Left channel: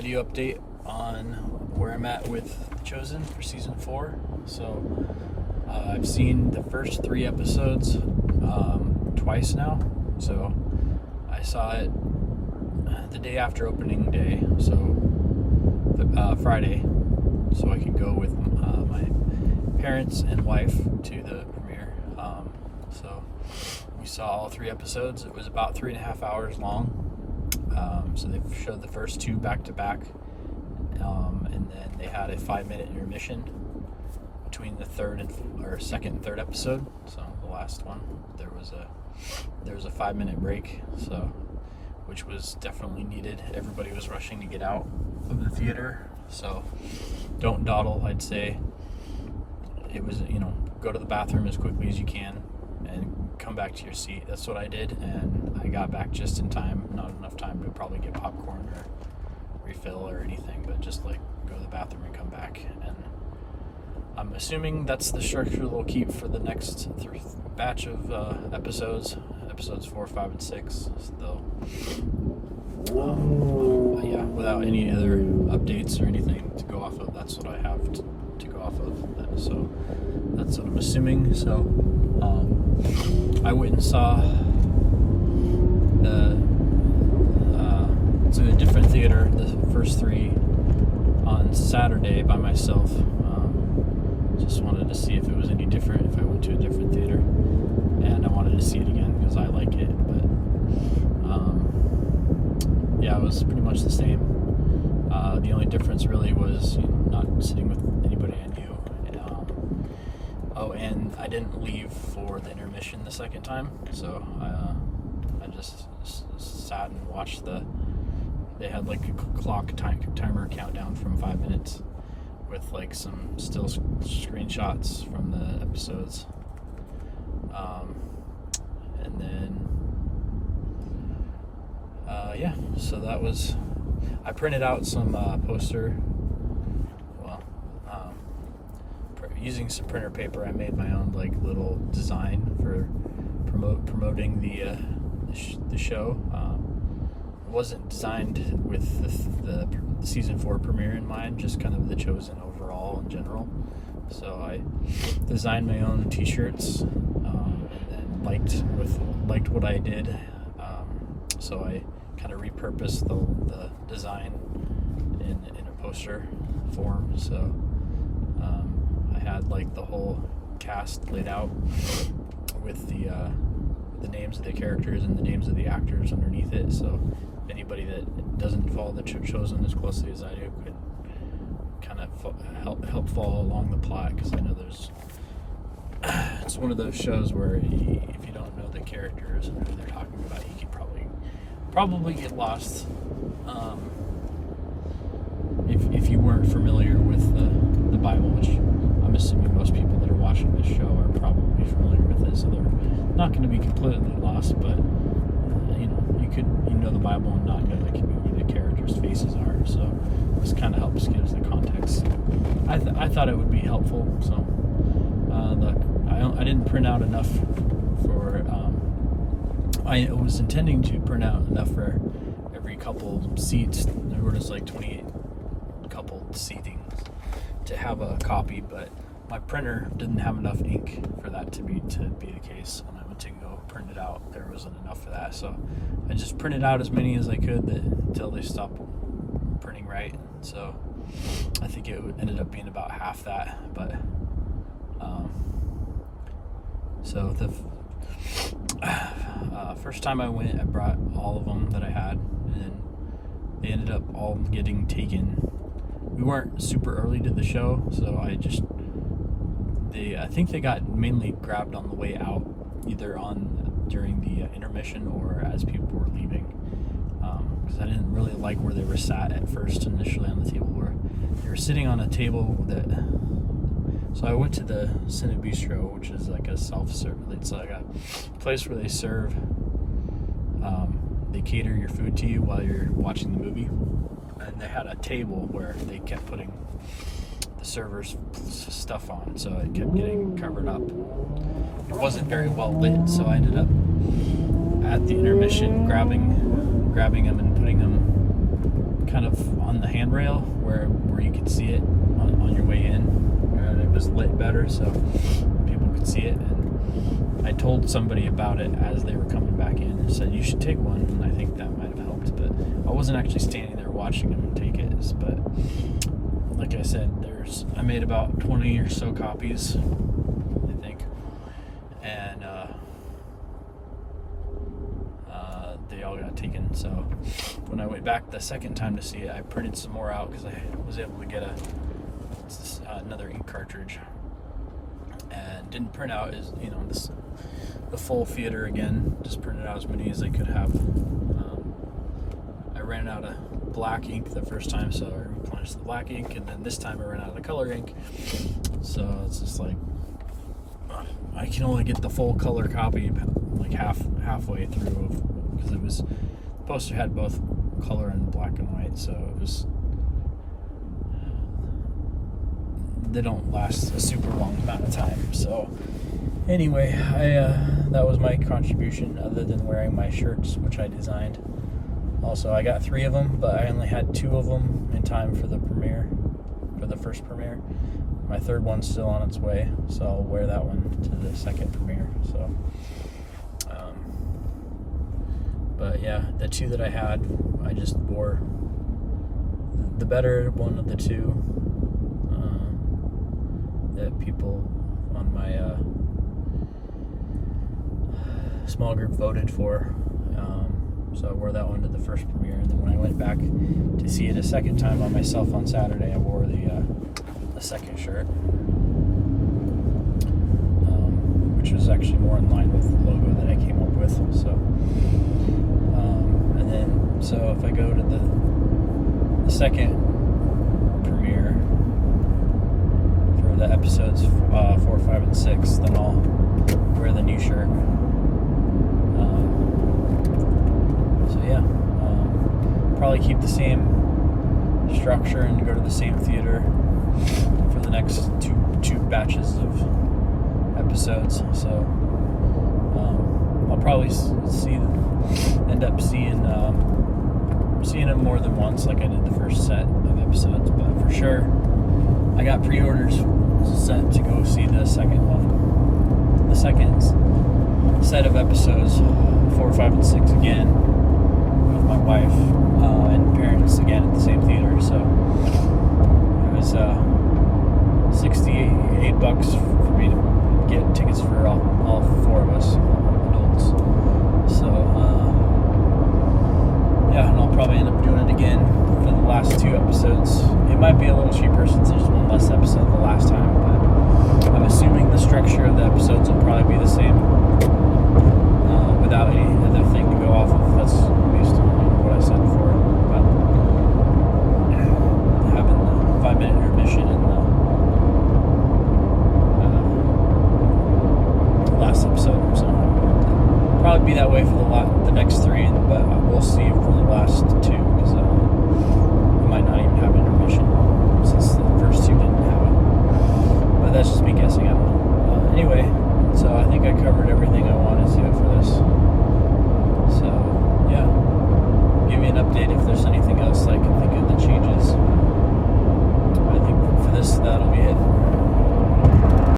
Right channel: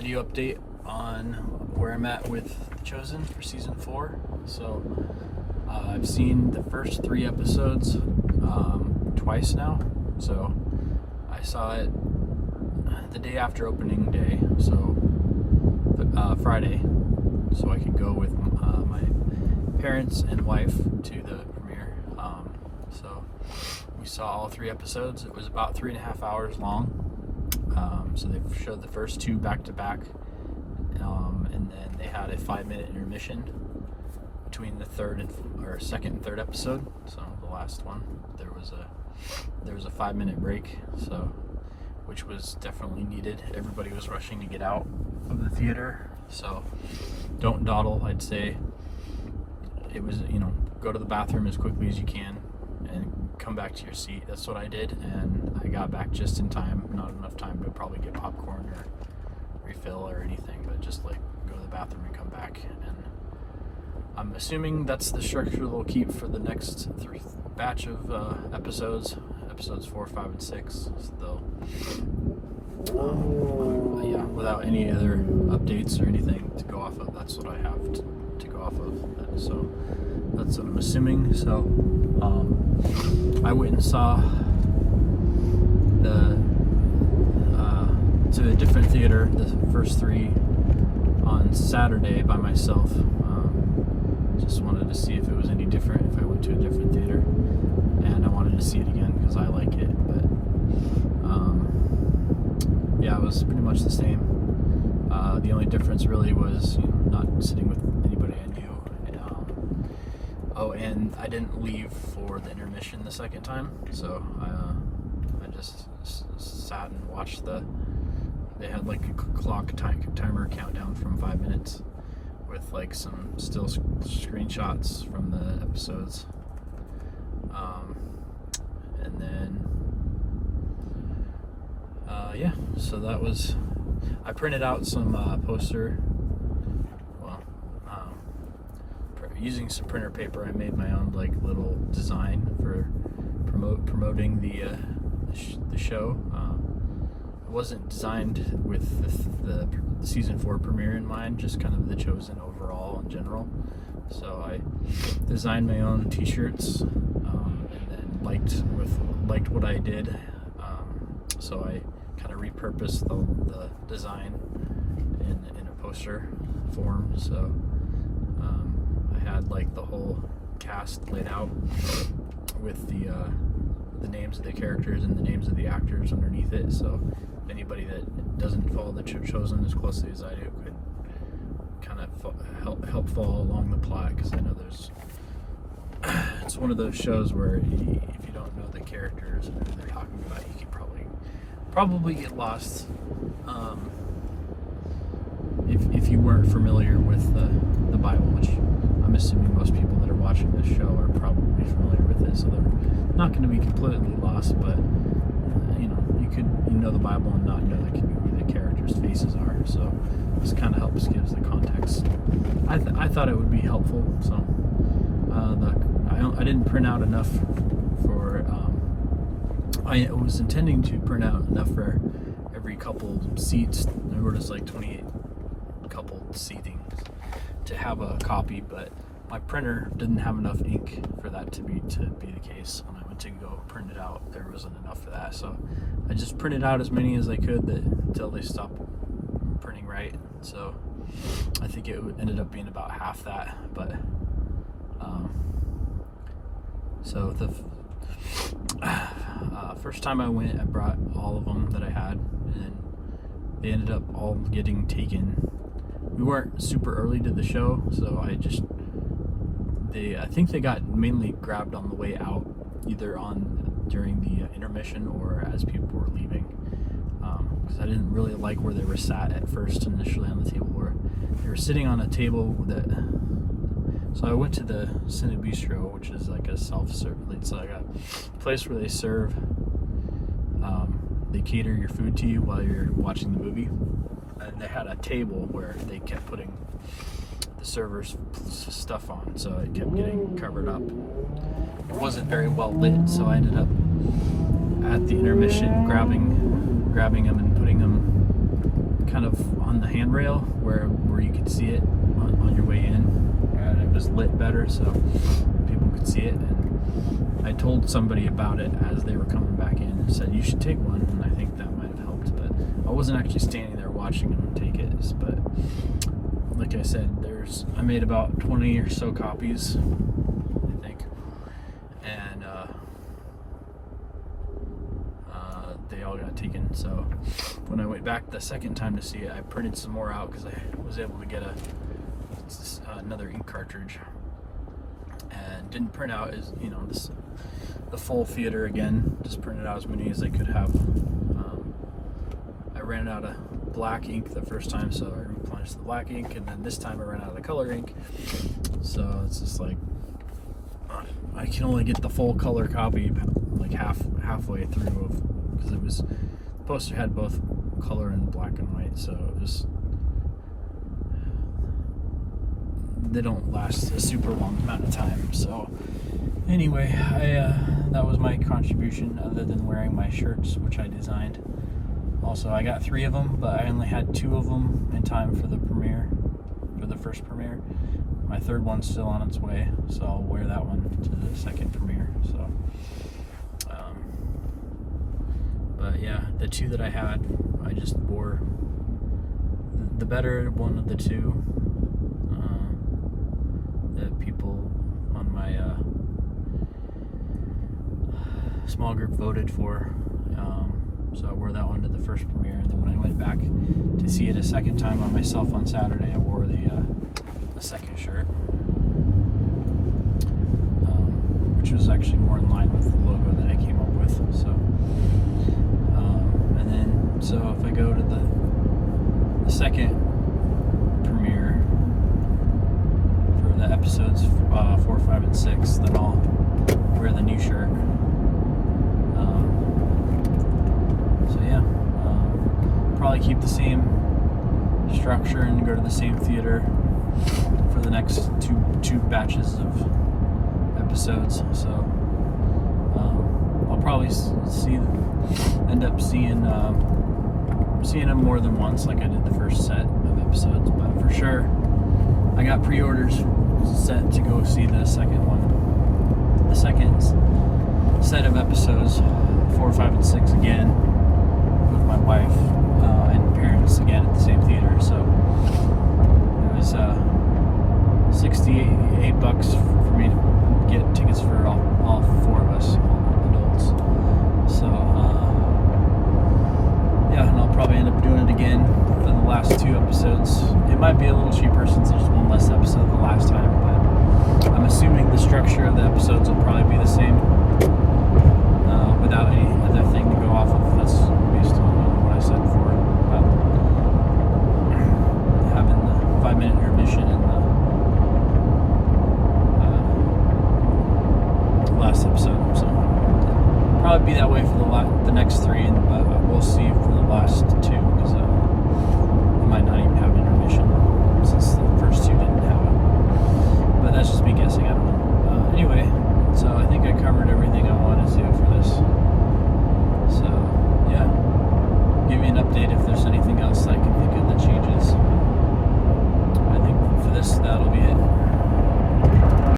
video update on where I'm at with Chosen for season 4. So I've seen the first 3 episodes twice now. So I saw it the day after opening day, so Friday, so I could go with my parents and wife to the premiere. So we saw all 3 episodes. It was about 3.5 hours long. So they showed the first 2 back to back, and then they had a 5-minute intermission between the second and third episode. So the last one, there was a 5-minute break, so which was definitely needed. Everybody was rushing to get out of the theater, so don't dawdle. I'd say it was, go to the bathroom as quickly as you can and come back to your seat. That's what I did, and I got back just in time. Not enough time to probably get popcorn or refill or anything, but just like go to the bathroom and come back. And I'm assuming that's the structure they'll keep for the next batch of episodes 4, 5, and 6. So they'll without any other updates or anything to go off of, that's what I have to go off of. So that's what I'm assuming. So I went and saw to a different theater, the first 3 on Saturday by myself. Just wanted to see if it was any different if I went to a different theater, and I wanted to see it again because I like it. But it was pretty much the same. The only difference really was not sitting with anybody I knew. And I didn't leave for the intermission the second time, so I just sat and watched they had like a clock timer countdown from 5 minutes with like some still screenshots from the episodes. And then so that was, I printed out some using some printer paper. I made my own like little design for promoting the show. It wasn't designed with the season 4 premiere in mind, just kind of the Chosen overall in general. So I designed my own t-shirts, and then liked what I did. So I kind of repurposed the design in a poster form. So I had like the whole cast laid out with the names of the characters and the names of the actors underneath it. So if anybody that doesn't follow the Chosen as closely as I do could kind of help follow along the plot, because I know it's one of those shows where if you don't know the characters and who they're talking about, you could probably get lost if you weren't familiar with the Bible, which I'm assuming most people that are watching this show are probably familiar with it, so they're not going to be completely lost. But you could know the Bible and not know who the characters' faces are. So this kind of gives the context. I thought it would be helpful. So I didn't print out enough for. I was intending to print out enough for every couple seats. There was like 28 couple seating to have a copy, but my printer didn't have enough ink for that to be the case. When I went to go print it out, there wasn't enough for that, so I just printed out as many as I could until they stopped printing right. So I think it ended up being about half that. But so the first time I went, I brought all of them that I had, and they ended up all getting taken. We weren't super early to the show, so I think they got mainly grabbed on the way out, either during the intermission or as people were leaving. Because I didn't really like where they were sat at first initially on the table, where they were sitting on a table so I went to the Cine Bistro, which is like a self-serve. It's like a place where they serve. They cater your food to you while you're watching the movie, and they had a table where they kept putting the server's stuff on, so it kept getting covered up. It wasn't very well lit, so I ended up at the intermission grabbing them and putting them kind of on the handrail where you could see it on your way in, and it was lit better so people could see it. And I told somebody about it as they were coming back in and said you should take one, and I think that might have helped, but I wasn't actually standing there watching them take it. But like I said, I made about 20 or so copies, I think, and they all got taken. So when I went back the second time to see it, I printed some more out because I was able to get another ink cartridge, and didn't print out the full theater again. Just printed out as many as I could have. I ran out of black ink the first time, so I replenished the black ink, and then this time I ran out of color ink. So it's just like I can only get the full color copy like halfway through, because the poster had both color and black and white, so they don't last a super long amount of time. So anyway, that was my contribution, other than wearing my shirts, which I designed. Also, I got 3 of them, but I only had 2 of them in time for the first premiere. My third one's still on its way, so I'll wear that one to the second premiere. So, but yeah, the 2 that I had, I just wore the better one of the 2 that people on my small group voted for. So I wore that one to the first premiere, and then when I went back to see it a second time on myself on Saturday, I wore the second shirt, which was actually more in line with the logo that I came up with. So, and then if I go to the second premiere for the episodes 4, 5, and 6, then I'll wear the new shirt. Probably keep the same structure and go to the same theater for the next two batches of episodes. So I'll probably end up seeing them more than once, like I did the first set of episodes. But for sure, I got pre-orders set to go see the second set of episodes 4, 5, and 6 again with my wife and parents again at the same theater. So it was $68 for me to get tickets for all 4 of us adults. So yeah, and I'll probably end up doing it again for the last 2 episodes. It might be a little cheaper since there's one less episode the last time, but I'm assuming the structure of the episodes will probably be the same, without any other thing to go off of. That's based on what I said before about having the 5-minute intermission in the last episode. So probably be that way for the next 3, but we'll see for the last 2, because we might not even have intermission since the first 2 didn't have it. But that's just me guessing. I don't know. Anyway, so I think I covered everything I wanted to for this. So yeah, give me an update if there's